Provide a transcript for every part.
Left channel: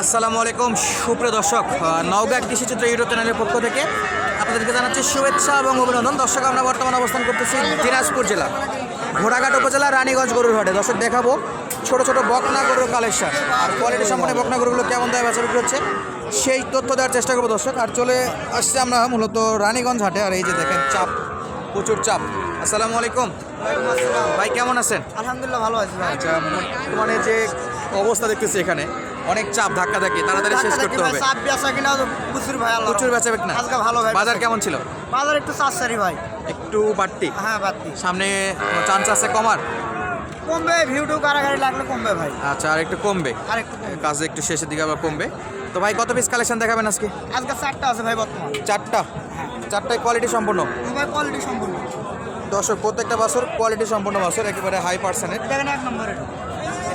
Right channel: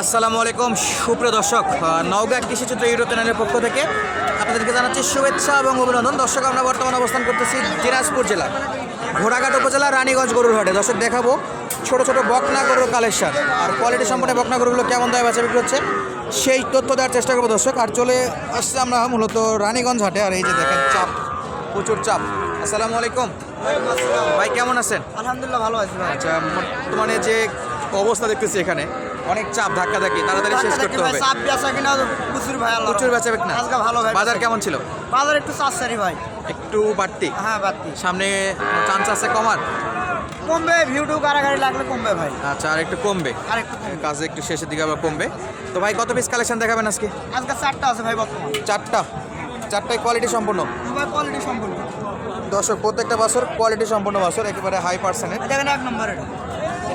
আসসালামু আলাইকুম সুপ্রিয় দর্শক নওগাঁ কৃষিচিত্র ইউটিউব চ্যানেলের পক্ষ থেকে আপনাদেরকে জানাচ্ছি শুভেচ্ছা এবং অভিনন্দন। দর্শক আমরা বর্তমানে অবস্থান করতেছি দিনাজপুর জেলা ঘোড়াঘাট উপজেলা রানীগঞ্জ গরুর হাটে দর্শক দেখাবো ছোট ছোট বকনা গরুর কালেকশন। আর কোয়ালিটি সম্পন্ন বকনা গরুগুলো কেমন দামে বেচা বিক্রি হচ্ছে সেই তথ্য দেওয়ার চেষ্টা করব দর্শক। আর চলে আসছে আমরা মূলত রানীগঞ্জ হাটে। আর এই যে দেখেন চাপ প্রচুর চাপ। আসসালামু আলাইকুম। ভাই কেমন আছেন? আলহামদুলিল্লাহ ভালো আছি ভাই। আচ্ছা বর্তমানে যে অবস্থা দেখতেছি এখানে অনেক চাপ ধাক্কা ধাক্কি তাড়াতাড়ি শেষ করতে হবে। চাপ বেচা কিনা প্রচুর ভাই আল্লাহ প্রচুর বেচা বিক না? আজকে ভালো ভাই বাজার কেমন ছিল? বাজার একটু চাষারি ভাই। একটু বাড়তি? হ্যাঁ বাড়তি। সামনে চান্স আছে কমার? কমবে ভিউ টু কারাগারি লাগলে কমবে ভাই। আচ্ছা আর একটু কমবে। আর একটু। কাজে একটু শেষের দিকে আবার কমবে। তো ভাই কত পিস কালেকশন দেখাবেন আজকে? আজকে চারটা আছে ভাই বর্তমান। চারটা? চারটায় কোয়ালিটি সম্পূর্ণ? ভাই কোয়ালিটি সম্পূর্ণ। দর্শক প্রত্যেকটা বছর কোয়ালিটি সম্পূর্ণ বছর একেবারে হাই পার্সেন্টের দেখেন এক নম্বর। এটা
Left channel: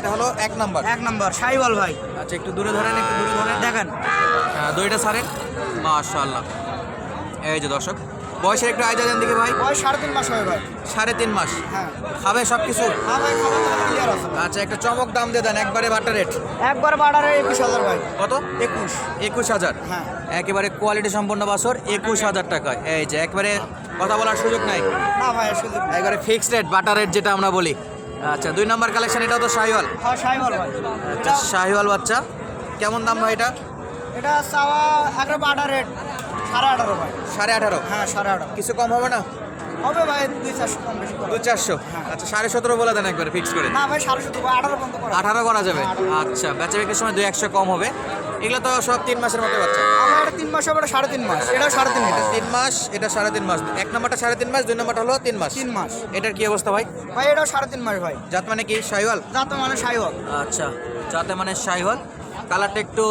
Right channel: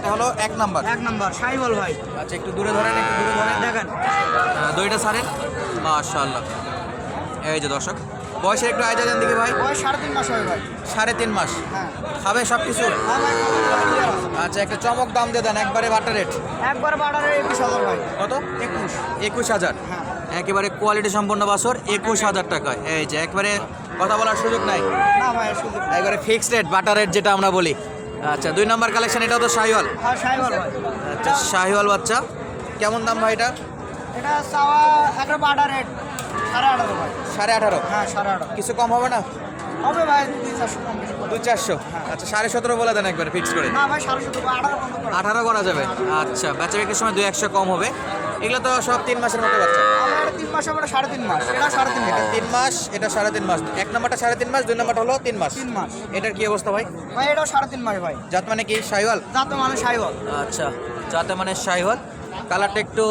এটা হলো এক নাম্বার। এক নম্বর সাইবল ভাই। আচ্ছা একটু দূরে ধরেন একটু দূরে ধরেন। দেখেন। আহ, দইটা ছাড়েন মাশাআল্লাহ। এই যে দর্শক বয়সের একটু আইডিয়া দেন দিকে ভাই। সাড়ে তিন মাস হবে ভাই। সাড়ে তিন মাস। হ্যাঁ। খাবে সব কিছু হ্যাঁ। আচ্ছা একটা চমক দাম দিয়ে দেন একবারে বাটা রেট একবার বাড়ারে একুশ হাজার ভাই। কত? একুশ। একুশ হাজার। হ্যাঁ। একেবারে কোয়ালিটি সম্পন্ন বাসর একুশ হাজার টাকায়। এই যে একবারে কথা বলার সুযোগ নাই। একবারে ফিক্সড রেট বাটার রেট যেটা আমরা বলি। আচ্ছা দুই নম্বর কালেকশন এটাও তো শাহিওয়াল? হ্যাঁ আচ্ছা শাহিওয়াল বাচ্চা। কেমন দাম ভাই এটা? এটা চাওয়া রেট সাড়ে আঠারো সাড়ে আঠারো? হ্যাঁ সাড়ে আঠারো। কিছু কম হবে না? হবে ভাই দুই চারশো কম বেশি দু চারশো? আচ্ছা সাড়ে সতেরো বলে দেন একবার ফিক্স করে। না ভাই সাড়ে সতেরো আঠারো করা। যাবে। আচ্ছা বেচা বিক্রির সময় দুই একশো কম হবে। এগুলো তো সব তিন মাসের মতো বাচ্চা। মাস হবে সাড়ে তিন মাস? এটা সাড়ে তিন এটা তিন মাস এটা সাড়ে তিন মাস। এক নম্বরটা সাড়ে তিন মাস দুই নম্বরটা হলো তিন মাস। তিন মাস। এটার কি অবস্থা ভাই? ভাই এটাও সাড়ে তিন মাস ভাই। জাত মানে কি? শাহিওয়াল যাতে মানে সাইবল আচ্ছা যাতে মানে শাহিওয়াল কালারটা একটু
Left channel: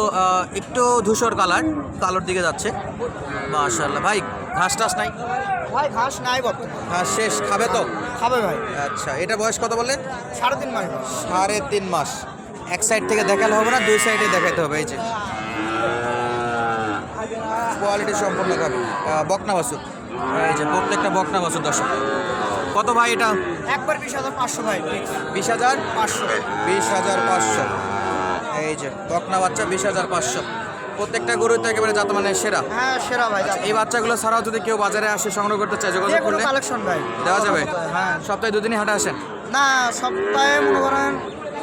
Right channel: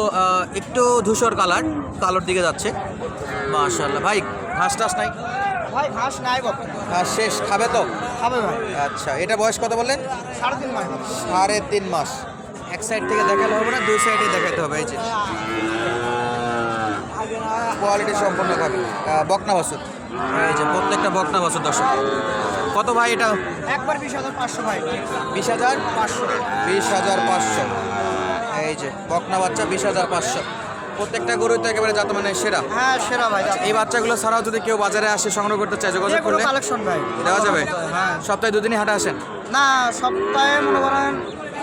একটু ধূসর কালার কালোর দিকে যাচ্ছে। মাশাল্লাহ ভাই ঘাস টাস নাই? ভাই ঘাস নাই বর্তমান। ঘাস শেষ খাবে তো? খাবে ভাই। আচ্ছা এটা বয়স কত বললেন? সাড়ে তিন মাস। সাড়ে তিন মাস। এক সাইড থেকে দেখালে হবে না দুই সাইডে দেখাতে হবে এই যে। কোয়ালিটি সম্পূর্ণ আহ, বকনা বাসুর এই যে প্রত্যেকটা বকনা বাসুর দর্শক। কত ভাই এটা? একবার বিশ হাজার পাঁচশো ভাই। বিশ হাজার? পাঁচশো। বিশ হাজার পাঁচশো। এই যে বকনা বাচ্চা বিশ হাজার পাঁচশো। প্রত্যেকটা গরুই তো একেবারে যাতে মানে সেরা। হ্যাঁ সেরা ভাই এই বাচ্চাগুলো ছাড়াও যদি কেউ বাজারে আসে সংগ্রহ করতে চায় যোগাযোগ করলে কালেকশন ভাই। দেওয়া যাবে। হ্যাঁ। সপ্তাহে দুদিনই হাটে আসেন? না সপ্তাহে মনে করেন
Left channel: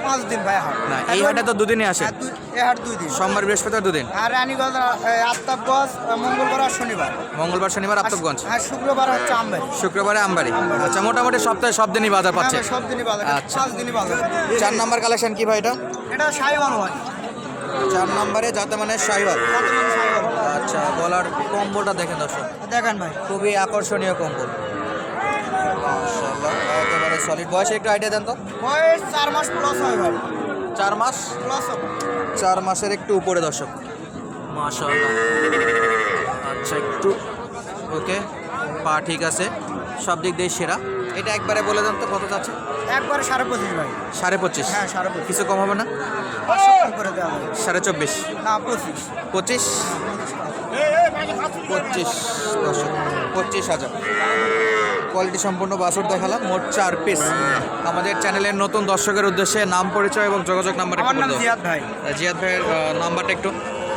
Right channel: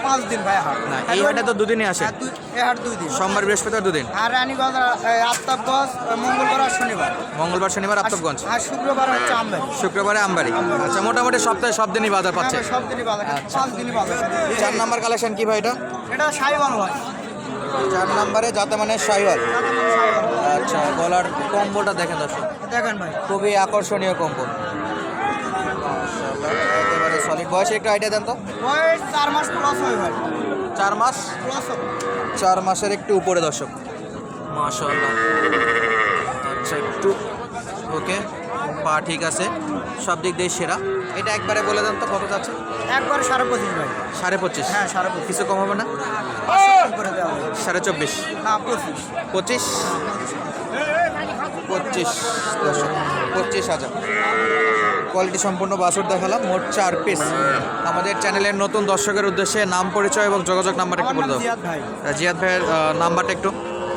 পাঁচ দিন ভাই হাট। না এই হাটে তো দুদিনই আসে। হ্যাঁ, এই হাট দুই দিন। সোমবার বৃহস্পতিবার দুদিন? আর রানীগঞ্জ আফতাবগঞ্জ মঙ্গলবার আর শনিবার। মঙ্গলবার শনিবার আফতাবগঞ্জ? আর শুক্রবার হচ্ছে আমবাই শুক্রবারে আমবাড়ি। আচ্ছা মোটামুটি সপ্তাহে সব দিনই বাজার পাচ্ছে? হ্যাঁ, সব দিনই বাজার আচ্ছা। পাঁচ দিনই বাজার চার নাম্বার কালেকশন কি ভাই এটা? এটা সাইবাল ভাই। চার নাম্বারে যাতে মানে শাহিওয়াল আচ্ছা গলার কম্বলটা দেখেন দর্শক। দেখেন ভাই। খুবই আকর্ষণীয় কম্বল। মাশাআল্লাহ একেবারে সলিড বয়সে একটু আইডিয়া দেন তো। বয়স চার মাস প্লাস হয় ভাই। চার মাস? প্লাস চার মাসের একটু উপরে দর্শক। মাশাআল্লাহ। আচ্ছা একটু ওকে পা ঠিক আছে। সব দিক দিয়ে সেরা। এটা একবারে বলে দেন তো কত যাচ্ছে? একবার সাড়ে পঁচিশ ভাই। সাড়ে পঁচিশ? হ্যাঁ সাড়ে পঁচিশ। কিছু কম হবে না? পাঁচশো কম করে দেওয়া হবে। সাড়ে চব্বিশ? না পঁচিশ। পঁচিশ? হ্যাঁ পঁচিশ। পঁচিশ পঁচিশ হাজার। কোয়ালিটি সম্পূর্ণ বাসর দেখালাম মোট চার পিস আমাদের চ্যানেলের নতুন দর্শকের উদ্দেশ্যে নাম পরিচয় এবং যোগাযোগ নাম্বার একটু বলে জিয়াদ ভাই। জিয়াদ ভাইয়ের নাম্বারটা একটু।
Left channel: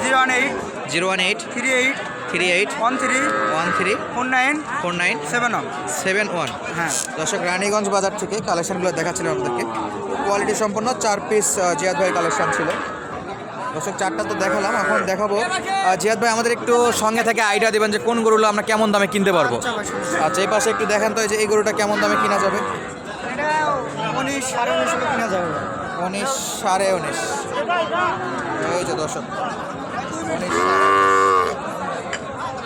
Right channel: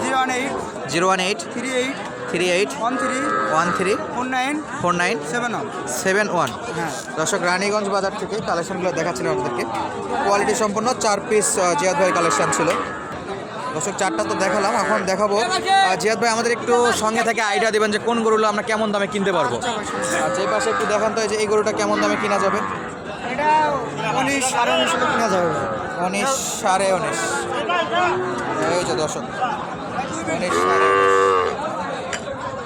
Zero one eight zero one eight three eight three eight one three one three four nine four nine seven one. Seven one. হ্যাঁ। দর্শক রানীগঞ্জ বাজার থেকে কালেকশনগুলো দেখাচ্ছিলাম আপনাদেরকে। কোয়ালিটি সম্পন্ন চার পিস জিয়াদ ভাইয়ের কালেকশন ছিল। দর্শক চারটা তো দেখালাম এখন দেখাবো। জিয়াদ ভাই আমাদের একটু সঙ্গে থেকে আইডিয়া দেবেন যে কোন গরুগুলো আমরা কেমন দামে কিনতে পারব। আচ্ছা এই পাশে একটু দেখান তো যে এই গরুটা কেমন দামে কিনা যাবে? উনিশ সাড়ে উনিশ কিনা যাবে। উনিশ সাড়ে উনিশ। এই যে দর্শক উনিশ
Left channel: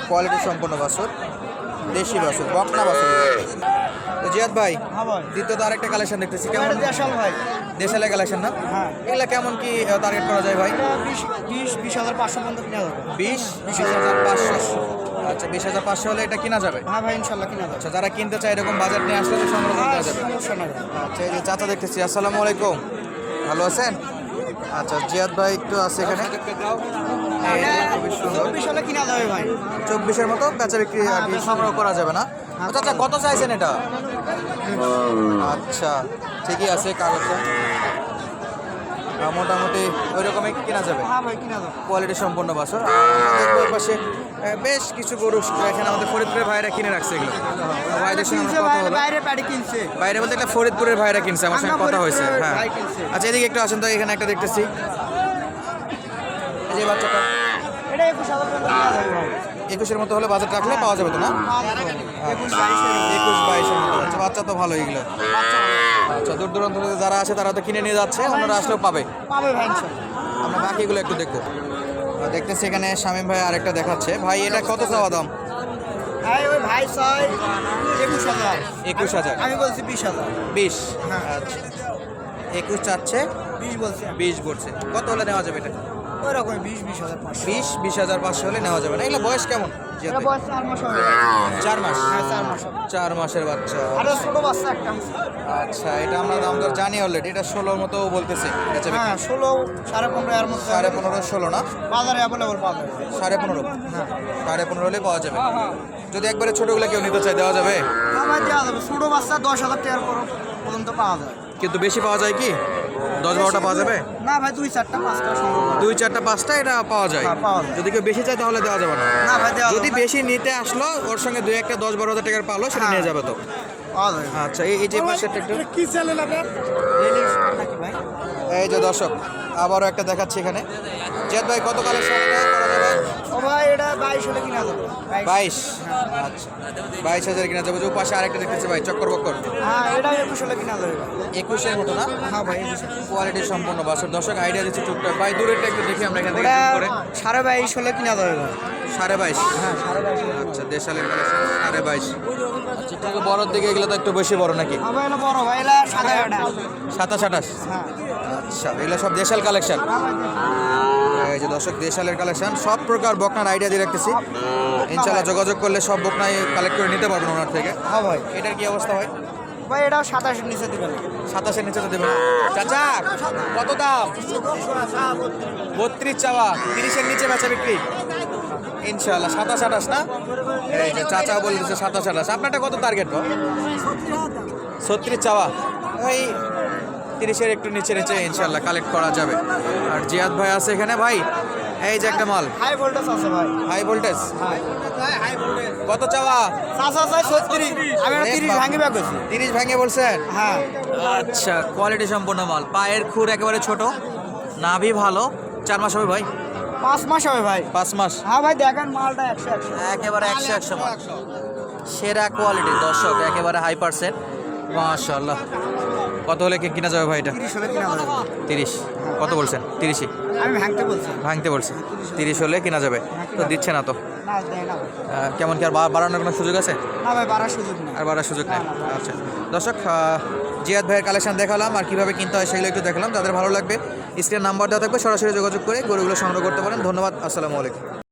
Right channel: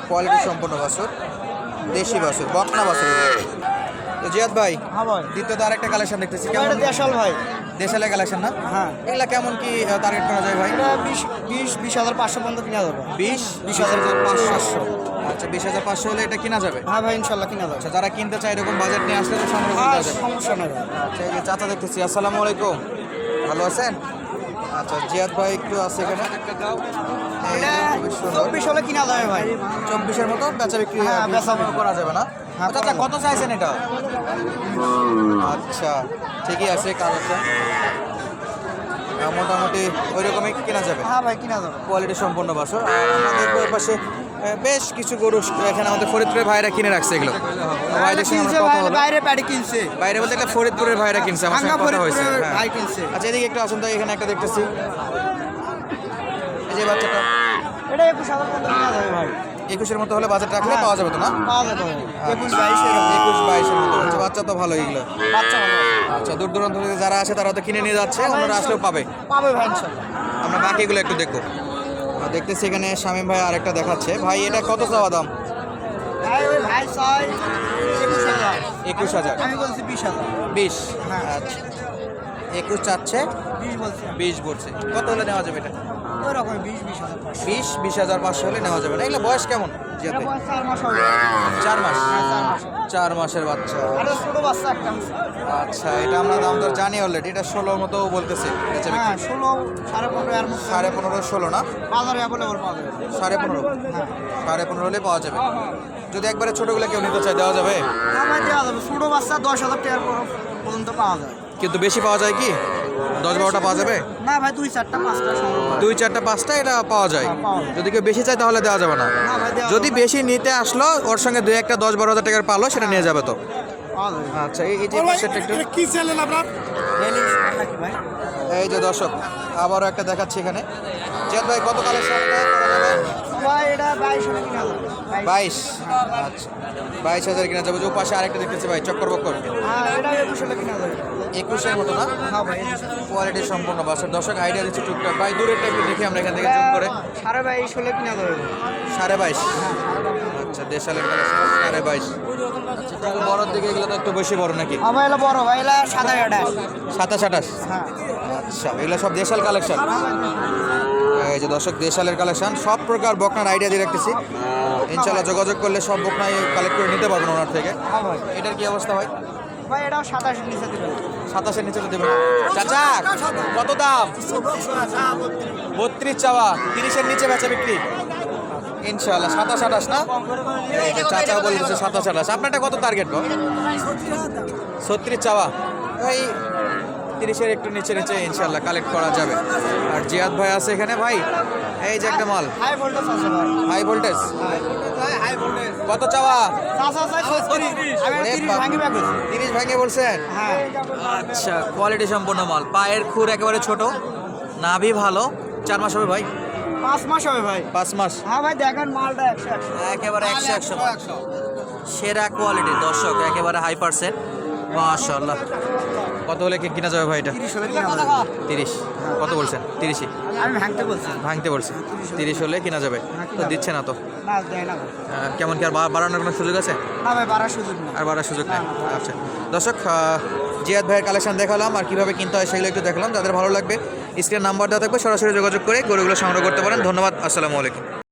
কোয়ালিটি সম্পন্ন বাসর দেশি বাসর বকনা বাসর তো জিয়াদ ভাই হ্যাঁ ভাই। দ্বিতীয়ত আরেকটা কালেকশন দেখতেছি কেমন? ভাই। দেশালে কালেকশন না? হ্যাঁ। এগুলা কেমন কি টার্গেট করা যায় ভাই? বিশ বিশ বিশ হাজার পাঁচশো পর্যন্ত কিনা যাবে। বিশ বিশ হাজার পাঁচশো। আচ্ছা বিশ হাজার পাঁচশো হলে এটা কিনা যাবে? হ্যাঁ ভাই ইনশাল্লাহ কিনা যাবে। আচ্ছা যারা কিনতে চায় এরকম বাজেট নিয়ে আসলে সংগ্রহ করে দেওয়া যাবে। সমস্যা নাই আচ্ছা এই যে চাচা দেখতেছি আসসালামু আলাইকুম। ভালো আছেন? আচ্ছা জিয়াদ ভাই একটু আছে এখানে। চব্বিশ হলে কিনা যাবে ভাই। চব্বিশের মতো বেচা বিক্রি বেচা সংগ্রহ করা যাবে না? হ্যাঁ, আচ্ছা কত চাইছেন এটা? আচ্ছা ঠিকই আছে আহ, মোটামুটি ওই রকমই কেনা যাবে? হ্যাঁ কোয়ালিটি সম্পন্ন বাছর। আর আমরা দেখব পাশে বেশ কিছু গরু এখানে আমাদের ফরিদপুরের ভাইরা কিনে রাখছে এগুলো। আর ভাইদের সঙ্গে আমার কথা হলো। বাইরে বলতে একটা ফরিদপুরের ভাইরা কিনছে আমার সঙ্গে কথা হয়েছে। হ্যাঁ। আচ্ছা এদিকে একটু আসেন তো এখানে একটা দেখতেছি। এই যে বাচ্চাটা। এটা একুশ হাজার একুশের মতো হলে বাজার রাখলে পাওয়া যাবে তো না। একুশ বাইশের মতো হচ্ছে। বাচ্চা তো ভালো এগুলো। আচ্ছা দূর দূরান্ত থেকে যারা আছে তারা তো কিনে নিয়ে যাচ্ছে অন্যরা আসলেও পাবে। পাবে ভাই আমরা বাকিগুলো একটু দেখব। দেখতেছি এখানে শামীম ভাই আরেকটা দেখাচ্ছে। ভাই এটা কত চাওয়া দাম? একুশ হাজার। আমি বলছি বিশ হাজার। বিশ? হ্যাঁ। আচ্ছা। একুশ চাচ্ছে বিশ বলছে। কত হলে নেওয়া যাবে এটা? বিশ বিশ হাজার পাঁচশো। হলে নেওয়া যাবে না। এগুলো বয়স কেমন চার মাস চার হ্যাঁ চার মাসের বাচ্চা আচ্ছা এটা আমরা দাম দর জানি অলরেডি এটা ষোলোর মতো বলতেছে হ্যাঁ সাড়ে পনেরো সাড়ে পনেরো ষোলো না? সাড়ে পনেরো? সাড়ে পনেরো হলে পাওয়া যাবে। যদি একবারে ছোটোগুলো কেউ নিতে চায় দেওয়া যাবে? হ্যাঁ ভাই দেওয়া যাবে। ছোট বাচ্চা দশ হাজার টাকার পর্যন্ত পাওয়া যায়। কিন্তু বেশি পাওয়া যায় কি? দশ বারোটা পাওয়া যাবে? না ভাই দুই চারটা পাঁচটা দুই চারটা পাঁচটা এটা পাওয়া যায়। হ্যাঁ, পাওয়া যায়। যদি কেউ বেশি চায় তাহলে দেওয়া যাবে না। না ভাই যদি বেশি নিতে আসলো ওর সঙ্গে দুই একটা দশ বারো হাজার টাকার পালো সেটা নিয়ে যাবে তো। আচ্ছা এই যে কি চ্যানেল আপনার? এই যে দর্শক আবারও একটা দেখাচ্ছি এখানে। জিয়াদ ভাই কত কালেকশন বাইশ আচ্ছা বাইশ হাজার কিনা যাবে। যে ও পাশে আরেকটা দেখতেছি ভাই চক্কর বক্কর। হ্যাঁ একুশের মতো না? হ্যাঁ কোয়ালিটি সম্পূর্ণ বাসের দর্শক আইডিয়া দিচ্ছি টুকটাক। ভাই দূরেরটা একটু দেখি আমরা এখান থেকে জুম করে। সাড়ে বাইশ হলে কিনা যাবে। সাড়ে বাইশ? আচ্ছা দেশালের কালেকশন সাড়ে বাইশ। আচ্ছা একটু বড়োর দিকে এগুলো তো একটু বেশি বড় নাকি? আমার এলো বড় ভাই এটা সাতাশ আঠাশ? হ্যাঁ। আচ্ছা এগুলো সব দেশাল কালেকশন এই যে দর্শক দেশালের কালেকশন সব প্রকার বকনার আইডিয়া দিয়ে রাখতেছি। ইনশাল্লাহ যোগাযোগ করলে সব বকনাই কালেক্ট করে নিতে পারবেন ওনার থেকে। হ্যাঁ এটার কি অবস্থা হয় ভাই, এটা সাতাশের নিচে দিবেন। সাতাশের নিচে তো দেবেন চাচা, কত দাম? বত্রিশ চাওয়া, তিরিশের নিচে বেচা বিক্রি? ইনশাল্লাহ সাতাশ, আঠাশ, না? এই যে চাচা বলে দিচ্ছে সাতাশ, আঠাশ। আপনারটা কত টার্গেট ছত্রিশ চাওয়া। ভাই, তিরিশের একটু নিচে নিচে ইনশাল্লাহ কালেক্ট করা যাবে। আর জিয়াদ ভাই আছে এখানে, ভাই। এই যে একটা মাল। হাই ভোল্টেজ আছে ভাই। High voltage. হাই ভোল্টেজ ভাই হাই ভোল্টেজ। কত চাওয়া? চাষা আছে ছত্রিশ আমি ওরে তিরিশ বাপ। ভাঙে ব্যাগ তিরিশ ভাঙে বলছেন? হ্যাঁ। আচ্ছা কোয়ালিটি সম্পন্ন মাল। পায়ের খুর একেবারে ছোট। নাভি ভালো। চার মাস হবে ভাই? পাঁচ মাস হবে ভাই। পাঁচ মাস? হ্যাঁ ভাই দেখেন মালটা একশো একেবারে একশো একশো সেরা কোয়ালিটি দর্শক একেবারে হাই পার্সেন্ট মাশাল্লাহ কত হলে কি কিনা যাবে ভাই এটা? তিরিশ হলে কিনা যাবে। তিরিশ। কত বলছেন? তিরিশই। আমি ভাঙতে বলছি। ভাঙতে বলছি। তিরিশ হলে। কেনা যাবে। হ্যাঁ, তো দিচ্ছে না তো? কেমন কি আর বাড়ানোর কোনো সুযোগ আছে? না ভাই বাড়ার সুযোগ নেই। আর বাড়ার সুযোগ নেই? আচ্ছা। দর্শক জিয়াদ ভাইয়ের কালেকশন দেখালাম আর কীভাবে কিনতে হয় সেগুলো একটু দেখালাম। তাদের ভালো লাগবে স্ক্রিন নাম্বার দেওয়া থাকবে সরাসরি যোগাযোগ করে গরুগুলো সংগ্রহ করতে পারেন। ধন্যবাদ আসসালামু আলাইকুম।